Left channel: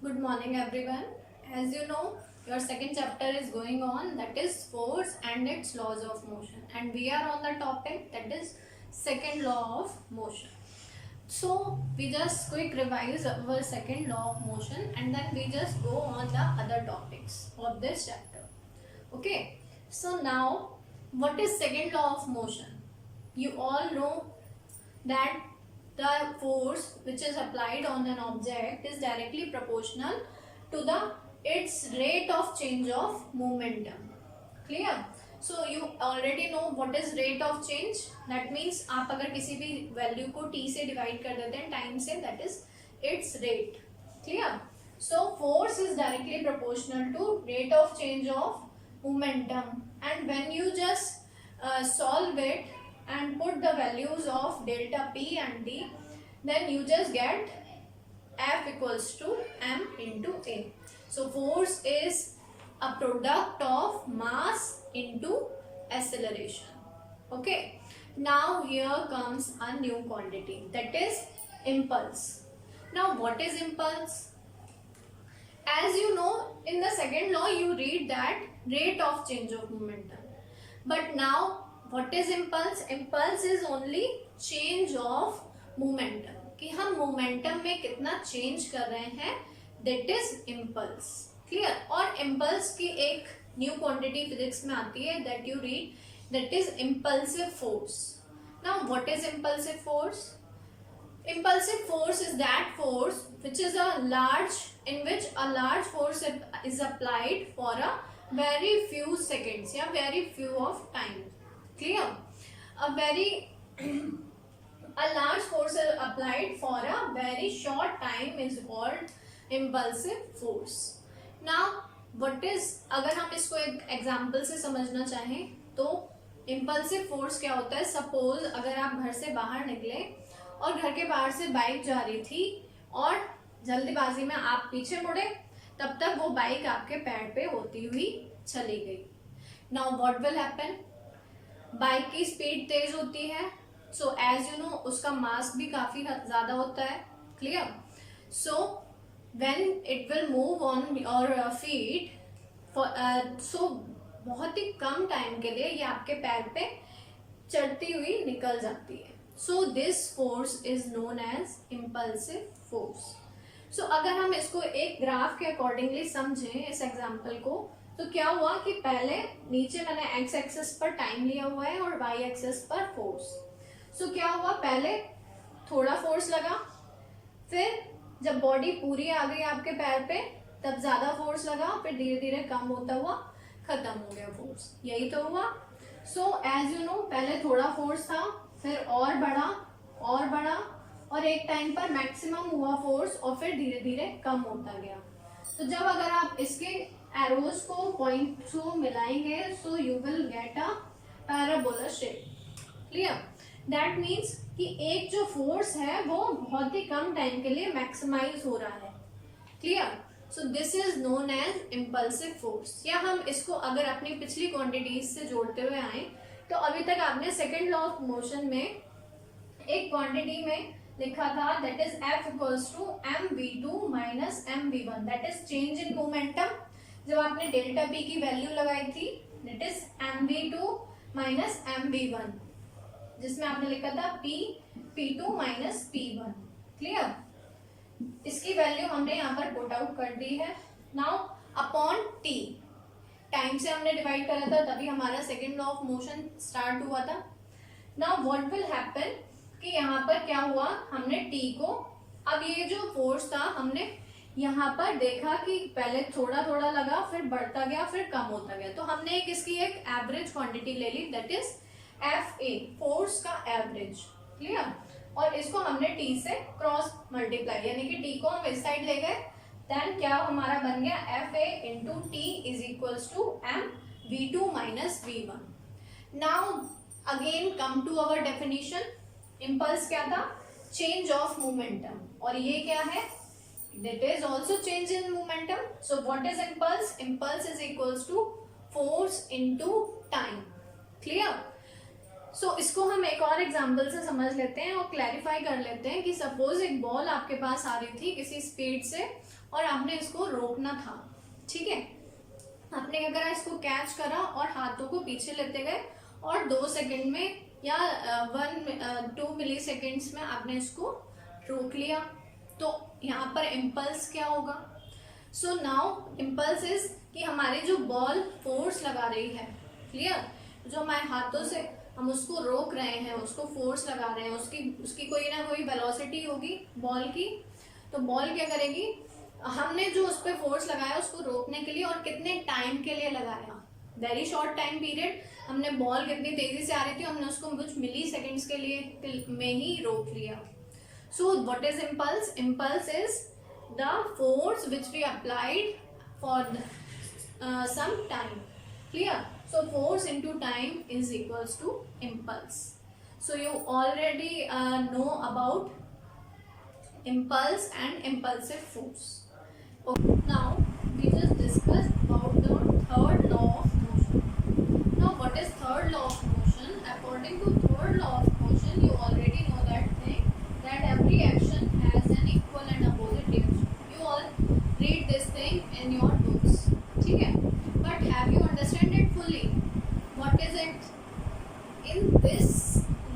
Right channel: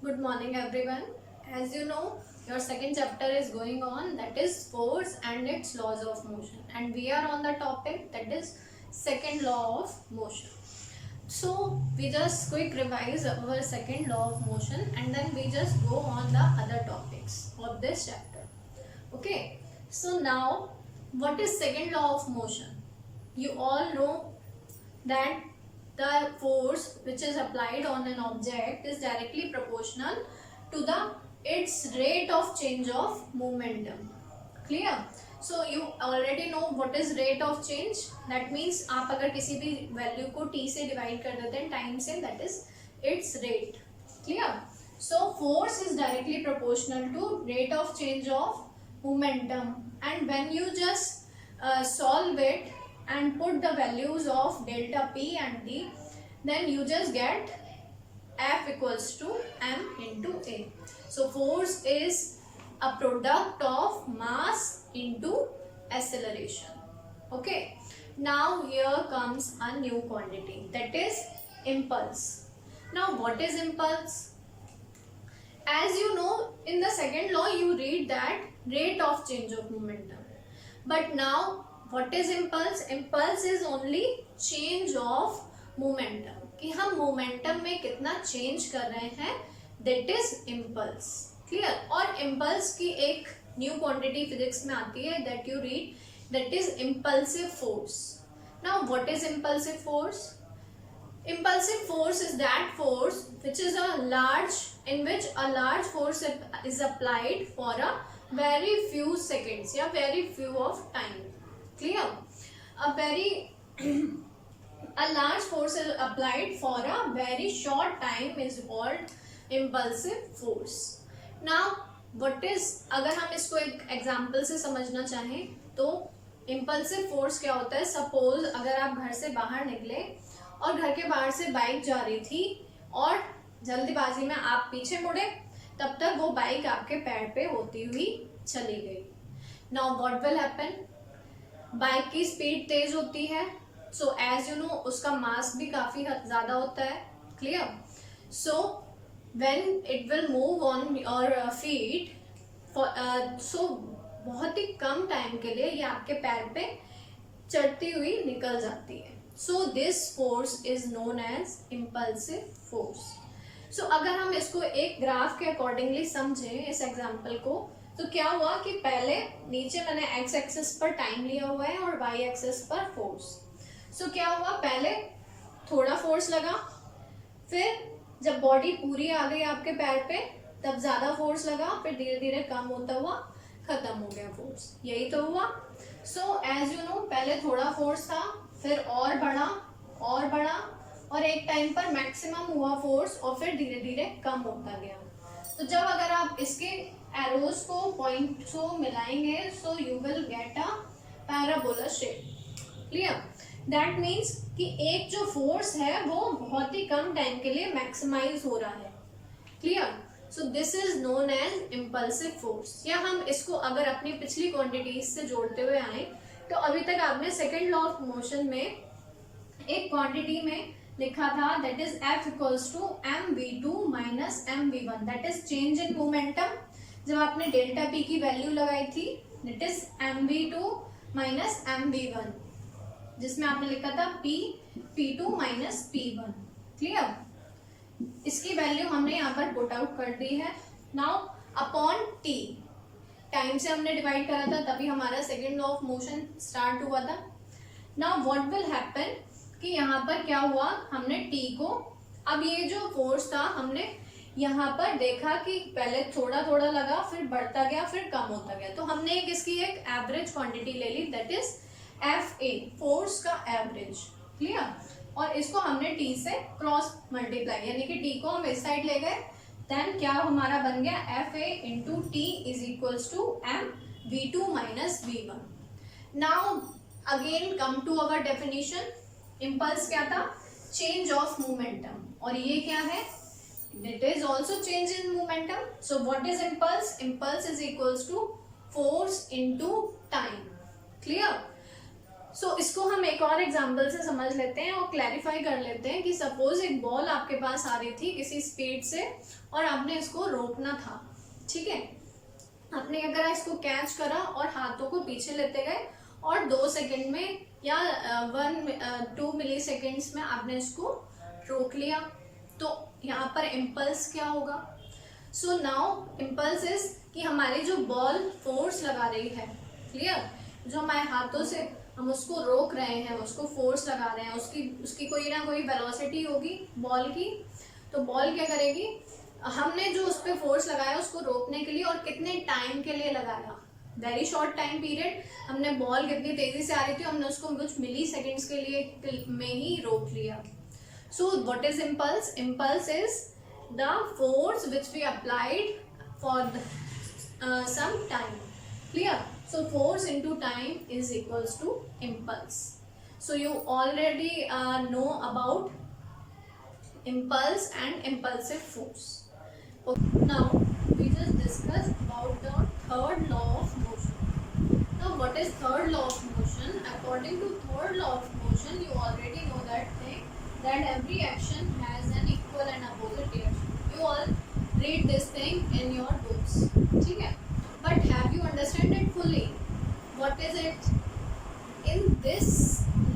Good morning, everyone. As you know, your second chapter is going on, that is force and its laws of motion, and we are on the topic that is second law of motion. So we just quick revise our second law of motion and then we just go on the other topics of this chapter. Okay, so now what is second law of motion? You all know that the force which is applied on an object is directly proportional to the its rate of change of momentum. Clear? So you already know what is rate of change. That means आप अगर किसी भी value को t से divide कर देते हैं time से, that is its rate. Clear? So force is directly proportional to rate of change of momentum, and when you just solve it and put the values of delta p and d, then you just get F equals to m into a. So force is a product of mass into acceleration. Okay, now here comes a new quantity, that is impulse. Now what is impulse? As you know, in the second law you read that rate of change of momentum, but now what is impulse? Impulse is only change of momentum, कि हम momentum में कितना change कर रहे हैं, that is impulse. Clear? और impulse की एक new quantity physics में आती है, that you read, that is impulsive force. Now what is impulsive force? Impulsive force is that force which is in which a large force is applied for a very few seconds या very few of time. Clear? A large force is applied for a very short time is called impulsive force. Now what is, अगर हम इसको एक example से समझना चाहें तो impulsive force क्या होता है? सपोज अगर आप घर से बाहर निकले और घर के बाहर से बाइक जा रही थी और जल्दबाजी में आप पीछे मुड़े, तब तक वो बाइक आपके पैर पे होती हुई चली गई. Now what will happen? Bike की स्पीड तेज होती है, सो एज यू नो उसका मास भी काफी ज्यादा होता है. Clear? So when it will move on your feet, so बहुत ही कम टाइम के लिए ये आपके पैर पे चढ़ती हुई निकल जाती है. So this force is known as impulsive force. So अगर हम इसको एक ग्राफ के अकॉर्डिंगली समझें इस एग्जाम्पल को, तो क्या हुआ कि पहले नीचे मैंने एक्स एक्सिस पर टाइम लिया हुआ है और वाई एक्सिस पर फोर्स. सो क्या हुआ, पहले थोड़ा फोर्स लगा, फिर जब बॉडी पूरी आ गई आपके पैर पे तब ज्यादा फोर्स लगा, फिर धीरे धीरे कम होता हुआ खत्म हो गया फोर्स. यही तो हुआ. सो एज यू नो पहले थोड़ा फोर्स था, फिर और बढ़ा और एक टाइम पर मैक्सिमम हुआ फोर्स और फिर धीरे धीरे कम होता गया. तो जब अगर आप इसके एरोज को पॉइंट को मिलाएंगे, so you will get a parabola shape. Clear? That means कि एक जो फोर्स है वो बहुत ही कम टाइम के लिए मैक्सिमाइज हो रहा है. Clear? So this is known as impulsive force. या हम इसको अगर अपनी पिछली क्वांटिटीज से जोड़ते हुए आए, तो अभी तक आपने सेकेंड लॉ ऑफ मोशन में एक क्वांटिटी में लिखा था, that is F equals to mv2 minus mv1, that is change in momentum. जब आपने डेल्टा p की वैल्यू लगाई थी, that is mv2 minus mv1, जिसमें आपने लिखा था p2 माइनस p1. क्लियर? इसकी वैल्यू हमने यहाँ पर पुट आउट कर दी है. नाउ अपॉन t, टाइम से हमने डिवाइड करा था तभी हमारा second law of motion start हुआ था. नाउ व्हाट विल हैपन कि यहाँ पर क्या हुआ, हमने t को, अब ये जो फोर्स था हमने यहाँ पर देखा कि पहले थोड़ा थोड़ा लगा, फिर बढ़ता गया, फिर कम होता गया. तो हमने एक इसकी एक एवरेज क्वांटिटी ले ली, दैट इज FA, फोर्स का एवरेज. क्लियर? और इसको हमने t से क्रॉस मल्टीप्लाई, यानी कि t को हम इस साइड ले गए, देन क्या हमारा बन गया, FA into T is equals to mv2 minus v1. Now again come to our definition. Impulse क्या था? Change of momentum. और ये क्या है? It is also change in momentum. So what is impulse? Impulse is equals to force into time. Clear? सो इसको हम एक और एग्जांपल से समझ लेते हैं और क्लैरिफाई कर लेते हैं कि सपोज एक बॉल आपके पास आ रही थी किसी स्पीड से और आपने इसको रोकना था, ठीक है। आपने क्या करा, इसको कैच करा और हाथों को पीछे लेते गए और 2 सेकंड में या 2 मिली सेकेंड्स में आपने इसको रोक लिया। तो यहाँ पर इम्पल्स क्या होगा? सो नाउ इम्पल्स इज कि हमारी जो बॉल फोर्स लगा रही है, क्लियर, जो हमारे हाथों से हम उसको रोक रहे हैं, उसको फोर्स लगा रहे हैं, उसकी कोई ना कोई वेलोसिटी होगी बॉल की। तो बॉल क्या करेगी, हमने जो उस पर फोर्स लगाया उसको रोकने के लिए, और कितने टाइम के लिए लगाया, वेरी शॉर्ट टाइम पीरियड। हमने बॉल कितनी तेजी से आ रही थी, हमने उसको कुछ मिली सेकेंड्स के लिए में ही रोक लिया। So what is impulse? Impulse is the force which we applied for some time, clear? So force into time is equals to impulse. So you already know about impulse and impulsive force. Okay. Now we just discuss about the third law of motion. Now what is third law of motion? According to third law of motion, you already know that thing, that every action has an equal and opposite reaction. You all read this thing in your books, ठीक है। But have you understand it fully? What is it? In this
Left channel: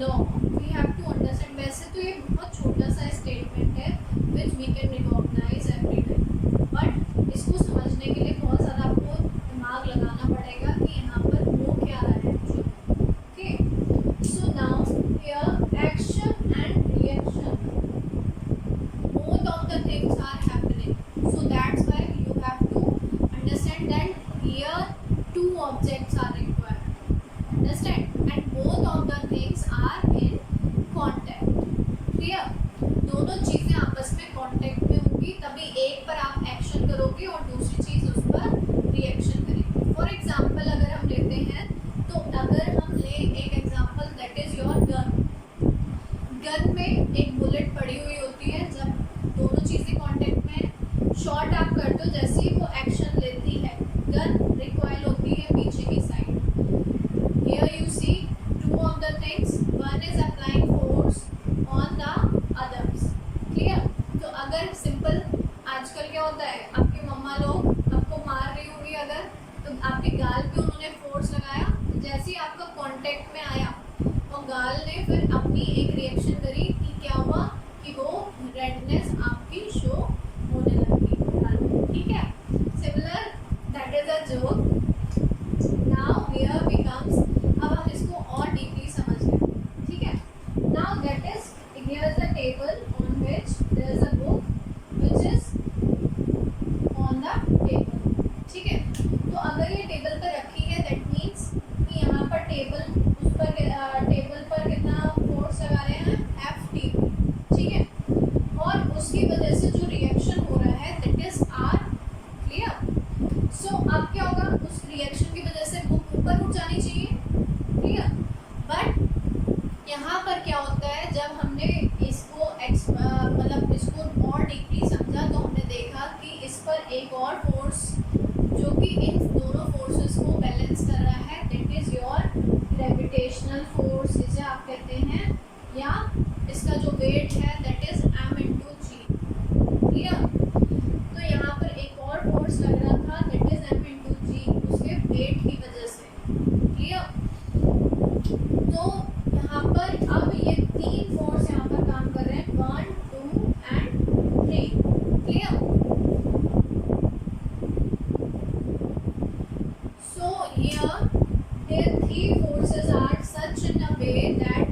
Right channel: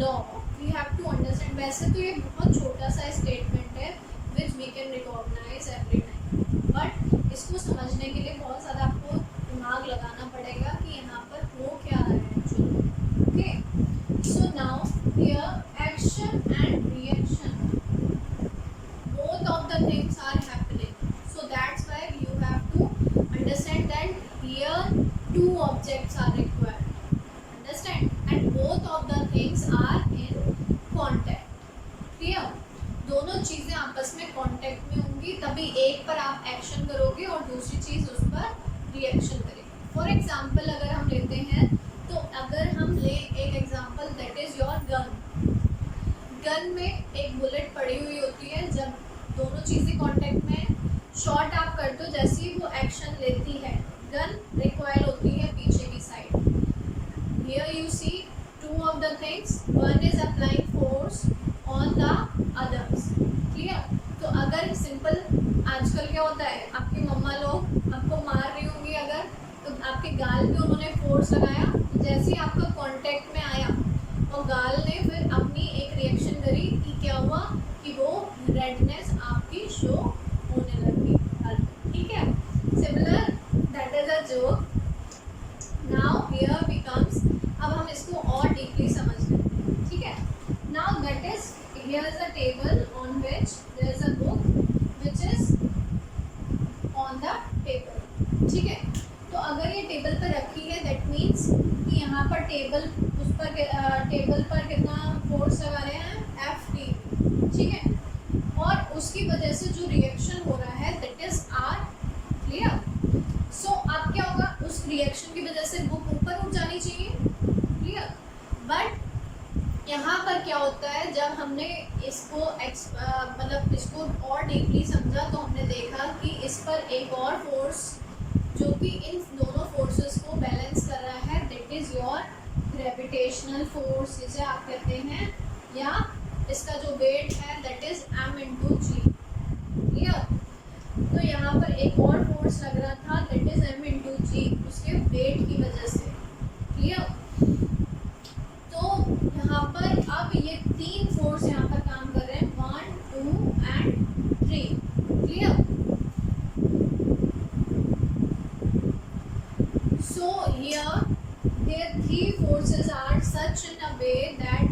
law we have to understand. वैसे तो ये बहुत छोटा सा statement है which we can recognize every time, but इसको समझने के लिए बहुत ज़्यादा आपको दिमाग लगाना पड़ेगा कि यहाँ पर हो क्या रहा है actually. Okay, so now here action and reaction, both of the things are happening. So that's why you have to understand that here 2 objects are required, understand, and both of the things are in contact, clear? दोनों चीजें आपस में contact में होंगी, तभी एक पर आप एक्शन करोगे और दूसरी चीज उस पर रिएक्शन करेगी। फॉर एग्जांपल अगर हम लेते हैं, तो अगर हम ले एक example, that is your gun. Gun में एक बुलेट पड़ी हुई होती है, जब दोनों चीजें कांटेक्ट में शॉट आप करते हो, जैसे ही वो एक्शन लेती है गन रिकॉइल होती है पीछे की side. Here you see 2 of the things, one is applying force on the others, clear? तो अगर सिंपल आजकल क्या होता है, आपकी मम्मा लोग आपको मार रही होंगी अगर, तो आपके गाल पे उन्होंने फोर्स लगाया, तो जैसे ही आपका कांटेक्ट में आया और गाल ने फिर अपनी एक रिएक्शन करी कि क्या हुआ कि वो रेडनेस आपकी शो होने लगी गाल पे, ठीक है। Similar, that is a joke. Now here becomes, अब हम इसको और डीपली समझ लेते हैं, ठीक है। Now that is, here is a table on which there is a book which is on the table, ठीक है। तो अगर ये टेबल पर रखी है, दैट मीन्स कि यहाँ पर टेबल उस पर टेबल पर कितना फोर्स लगा रहे हैं, Ft, ठीक है। और उसकी वजह से जो रिएक्शन हो रहा है दैट इज R, क्लियर? सो अब क्या होगा, उस रिएक्शन की वजह से बुक ऊपर उठ जानी चाहिए, क्लियर? बट यहाँ पर क्या होता है, जब हमने इसको मतलब इसको और डीपली समझा तो हमने देखा कि इस पर एक और फोर्स जो कि इन दोनों फोर्सेस को बैलेंस कर रहा है, that is your gravitational force, इसे आप कहते हैं, या इसका जो वेट है दैट इज m/g, क्लियर? तो यहाँ पर एक और फोर्स लग रहा था, दैट इज m/g, उसके वेट की वजह से, क्लियर? तो यहाँ पर अब ये 3 फोर्स यहाँ पर काम कर रहे हैं, 1, 2 and 3, clear? So here their 3 forces are such in a way that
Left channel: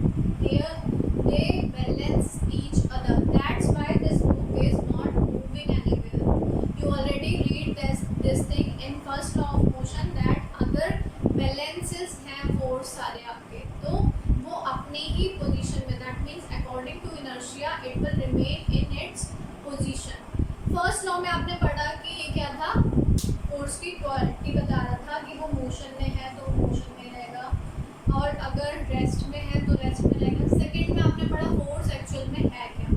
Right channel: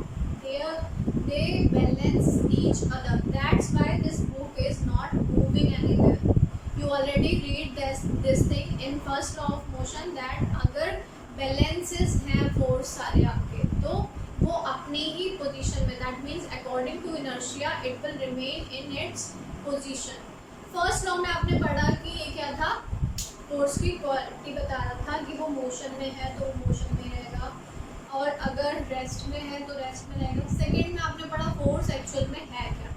they balance each other. That's why this book is not moving anywhere. You already read this thing in first law of motion that अगर balances हैं force सारे आपके, तो वो अपनी ही position में, that means according to inertia it will remain in its position. First law में आपने पढ़ा कि ये क्या था, फोर्स की क्वालिटी बता रहा था कि वो मोशन में है तो मोशन में रहेगा, और अगर रेस्ट में है तो रेस्ट में रहेगा। सेकेंड में आपने पढ़ा फोर्स एक्चुअल में है क्या।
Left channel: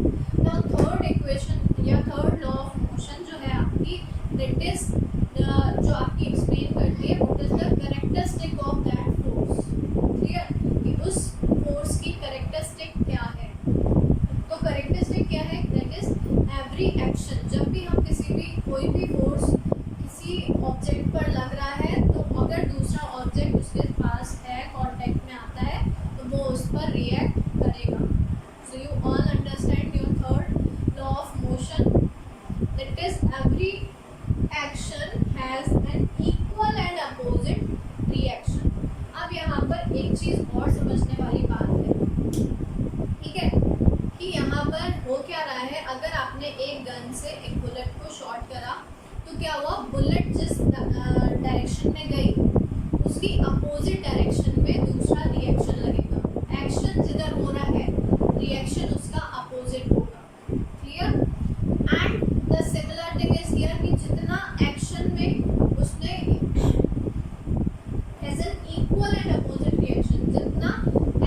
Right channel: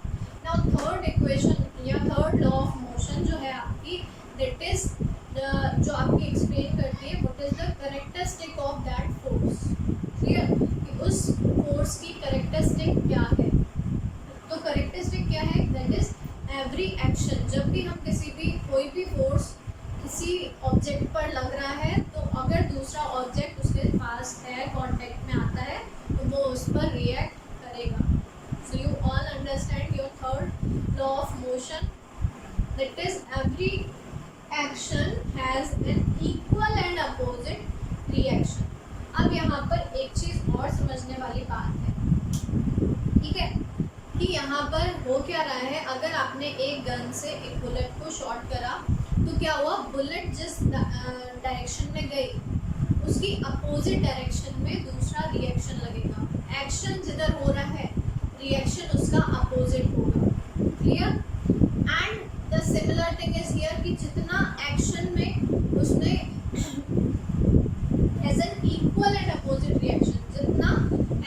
नाउ थर्ड इक्वेशन या थर्ड लॉ ऑफ मोशन जो है आपकी, दैट इज जो आपकी एक्सप्लेन करती है what is the characteristic of that force, clear? कि उस फोर्स की करेक्टरिस्टिक क्या है। तो करेक्टरिस्टिक क्या है, दैट इज एवरी एक्शन, जब भी हम किसी भी कोई भी फोर्स किसी ऑब्जेक्ट पर लग रहा है तो अगर दूसरा ऑब्जेक्ट उसके पास है, कांटेक्ट में आता है, तो वो उस पर रिएक्ट करेगा। So you all understand your third law of motion, that is every action has an equal and opposite reaction. अब यहाँ पर एक चीज और समझने वाली बात है, ठीक है, कि यहाँ पर हो क्या रहा है, अगर आपने एक गन से एक बुलेट को शॉट करा तो क्या हुआ, बुलेट जिस डायरेक्शन में गई उसकी अपोजिट डायरेक्शन में दूसरा रिएक्शन लगेगा। एक्शन जिधर हो रहा है रिएक्शन उसका अपोजिट होगा। Clear? And the similar thing is here कि जितना एक्शन में उसने as an equal and opposite reaction, जितना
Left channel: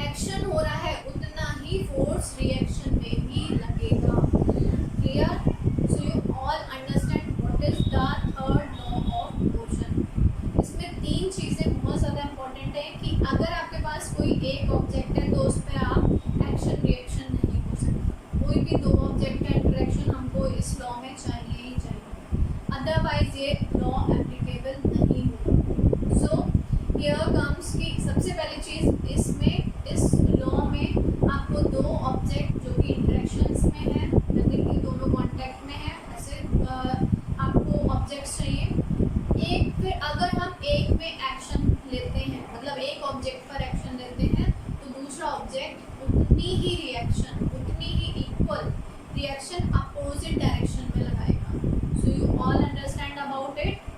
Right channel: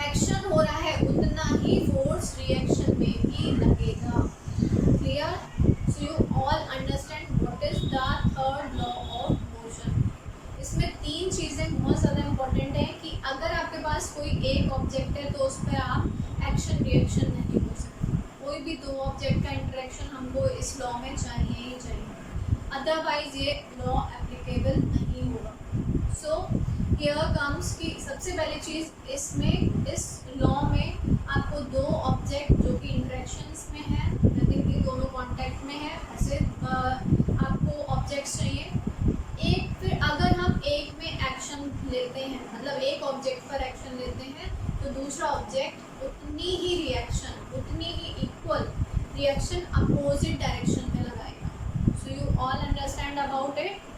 एक्शन हो रहा है उतना ही फोर्स रिएक्शन में भी लगेगा। Clear? So you all understand what is the third law of motion. इसमें तीन चीज़ें बहुत ज़्यादा इंपॉर्टेंट है कि अगर आपके पास कोई एक ऑब्जेक्ट है तो उस पर आप एक्शन रिएक्शन नहीं हो सकते। कोई भी दो ऑब्जेक्ट का इंटरेक्शन हमको इस लॉ में चाहिए ही चाहिए, अदरवाइज ये लॉ एप्लीकेबल नहीं होगा। सो हियर कम्स की सबसे पहली चीज़ इसमें, इस लॉ में आपको दो ऑब्जेक्ट जो कि इंटरेक्शंस में है, मतलब कि दोनों कांटेक्ट में है, ऐसे आपको ऑब्जेक्ट्स चाहिए। एक फिर अगर हम एक में एक्शन लेते हैं, मतलब एक ऑब्जेक्ट पर एक्शन लेते हैं, तो दूसरा ऑब्जेक्ट उतनी ही रिएक्शन, उतनी ही इक्वल रिएक्शन अपोजिट डायरेक्शन में लगाएगा। So you all understand about it.